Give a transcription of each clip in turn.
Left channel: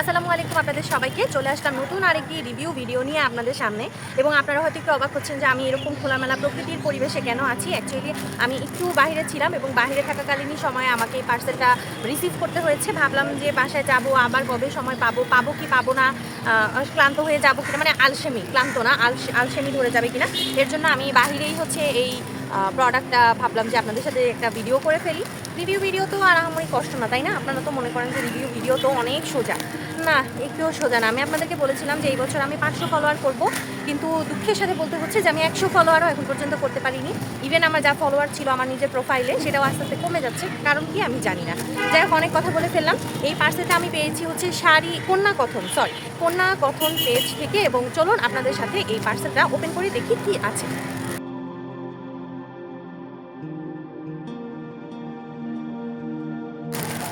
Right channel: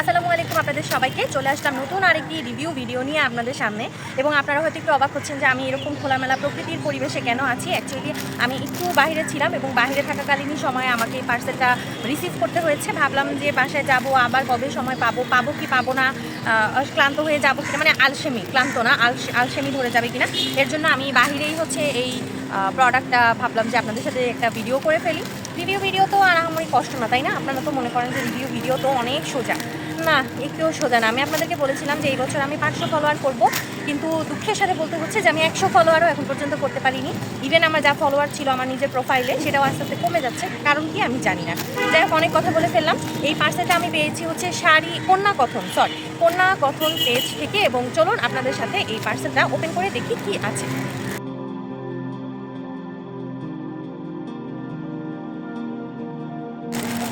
আসসালামু আলাইকুম আপনাদের সবাইকে চলে আসলাম নতুন আরেকটি রিভিউ ভিডিও নিয়ে আপনাদের সামনে। এবং আপনারা হয়তো একটু অবাক হচ্ছেন যে আমি এরকম খোলামেলা প্রকৃতির পরিবেশে কেন আছি। অ্যাকচুয়ালি আমি একটু বাইরে ছিলাম এবং বাইরে থাকাকালীনই সময় আমাকে পার্সেলটা রিসিভ করতে হয়েছে। ভাবলাম যে বাসায় যাব, আবার কবে সময় পাবো কি পাবো না, ক্লান্ত হয়ে যাবো কিনা, মানে আলসেমি, ক্লান্ত না আলসেমি ধরে যাবে কিনা, এর জন্য আমি বাহিরেই হচ্ছে এই প্রোডাক্টটা ভাবলাম যে আপনাদের সাথে একটা ভিডিও করে ফেলি। ভিডিও তো আর আহামরি কষ্ট না, তাই না? আপনারা তো মনে করেন যে ভিডিও তো অনেক সোজা। না, একটুও সোজা না। আমি আপনাদেরকে বলেছিলাম যে এই বছর আমি 500 ফলোয়ার করব, কিন্তু দুঃখের সাথে বলতে হচ্ছে যে আমি 100 ফলোয়ারও এখন পর্যন্ত করতে পারিনি। ইভেন আমার যা ফলোয়ার ছিল আমার নিজের প্রোফাইলে, সেটাও আস্তে আস্তে কমে যাচ্ছে। কারণ কি আমি জানি না। যাই হোক, অনেক কথা বলে ফেললাম। এই পার্সেলটা আমি পেয়েছি হচ্ছে কন্যা কথন পেজ থেকে। এবং চলুন আপনাদের সাথে এই পার্সেলটা ওপেন করে দেখি কি আছে।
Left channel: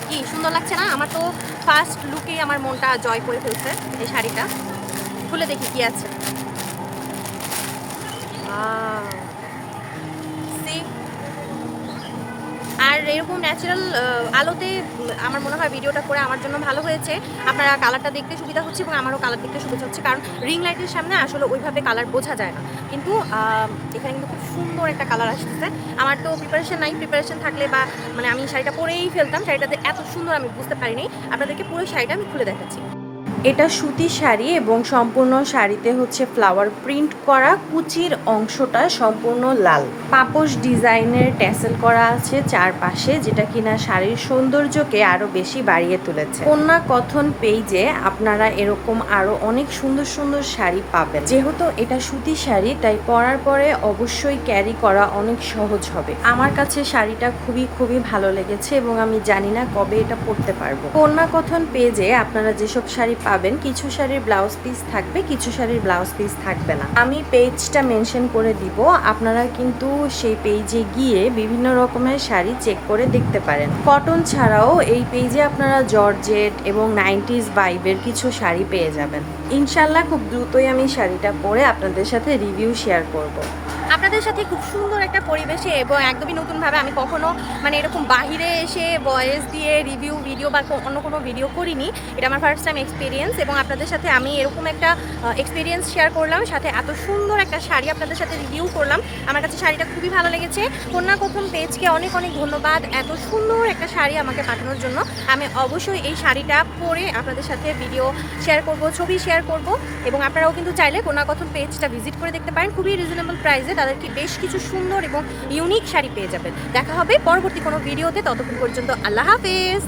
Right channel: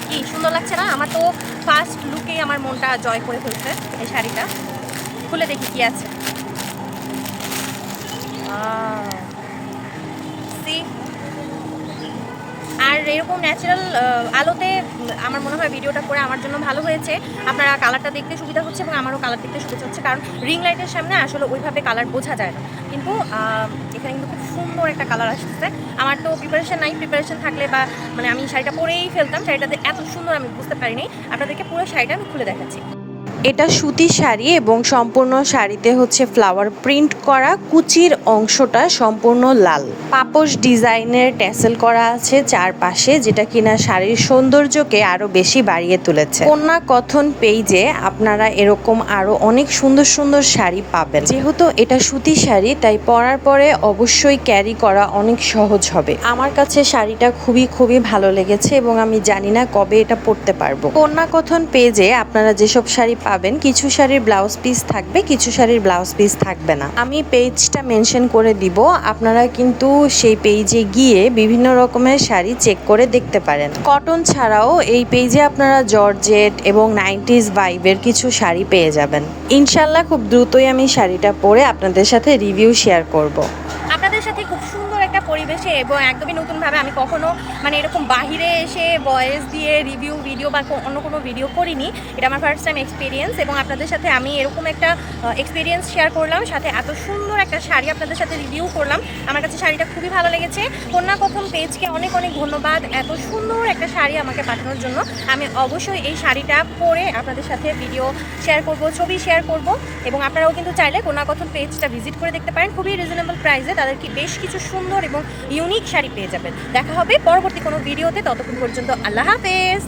কি সুন্দর লাগছে না? আমার তো ফার্স্ট লুকেই আমার মনটা জয় করে ফেলছে এই শাড়িটা। খুলে দেখি কি আছে। আর এরকম ন্যাচারাল আলোতে আমার মনে হয় ভিডিওটা করে আমার জন্য ভালো হয়েছে। আপনারা কালারটা দেখতে সুবিধা হচ্ছে এবং আমারও কালার দেখতে সুবিধা হচ্ছে, কারণ রিং লাইটের সামনে আসলে ওইভাবে কালার বোঝা যায় না। কিন্তু এখানে কিন্তু খুব সুন্দর একটা কালার আসতেছে। আমার তো প্রিপারেশন থাকলে বা মানে আমি শাড়িটা পরেই ফেলতাম। শাড়িটাতে এত সুন্দর আমি বুঝতে পারিনি। আপনাদেরকে পুরো শাড়িটা আমি খুলে দেখাচ্ছি। এটা সুতি শাড়ি এবং সম্পূর্ণ শাড়িতে হচ্ছে ফ্লাওয়ার প্রিন্ট করা, কুচির অংশটা সম্পূর্ণ লাল, পাপোশ ডিজাইনের ট্যাসেল করা আছে চারপাশে, যেটা কিনা শাড়ির সৌন্দর্যকে আরো বেশি বাড়িয়ে তুলেছে। কন্যা কথন পেজে আপনারা এরকম আরো অনেক সুন্দর সুন্দর শাড়ি পাবেন। যেহেতু এটা সুতি শাড়ি, তাই পরার পরে অবশ্যই ক্যারি করা অনেক সহজ হবে। আমার কাছে শাড়িটা খুবই ভালো লেগেছে এবং আমি জানি না কবে এটা পরতে পারবো। কন্যা কথন পেজে আপনারা যেসব শাড়ি পাবেন, কিছু শাড়ির ব্লাউজ পিস থাকবে, কিছু শাড়ির ব্লাউজ পিস থাকবে না। আমি পেজটা মেনশন করে দিব, আপনারা কিন্তু সেই পেজে গিয়ে বিভিন্ন রকমের শাড়ি চেক করে দেখতে পারেন। কটন ছাড়াও এই পেজে আপনারা জর্জেট এবং 90s ভাইবের কিছু শাড়ি পেয়ে যাবেন। ইনশাল্লাহ খুব দ্রুতই আমি শাড়িটা পরে আপনাদের সাথে রিভিউ শেয়ার করব। আপনাদের সাথে খুব সুন্দর একটা পরিবেশে এবং একদমই নতুনভাবে আমি কখনো মানে এরকম বাহিরে এসে ভয়েস দিয়ে রিভিউ ভিডিও বা অন্য কোনো ভিডিও করিনি। এটা আমার ফার্স্ট টাইম এক্সপিরিয়েন্স এবং আপনাদের সাথে আমি এরকম একটা এক্সপিরিয়েন্স শেয়ার করলাম, সাথে এত সুন্দর একটা শাড়ি আপনাদের সাথে রিভিউ করলাম। আমার কাছে শাড়িটা খুবই ভালো লেগেছে। কন্যা কথন পেজকে অনেক ধন্যবাদ এত সুন্দর একটা শাড়ি আমাকে পাঠানোর জন্য। আমি অবশ্যই এই শাড়িটা পরে আপনাদের সাথে ভিডিও শেয়ার করব, ছবি শেয়ার করব। এবং আপনারাও কিন্তু চাইলে কন্যা কথন পেজটা ভিজিট করে দেখতে পারেন। খুবই রিজনেবল প্রাইসে তাদেরকে বেশ কিছু সুন্দর এবং ইউনিক শাড়ি পেয়ে যাবেন। দেখা হবে পরবর্তী কোনো ভিডিওতে। ততক্ষণ পর্যন্ত আল্লাহ হাফেজ।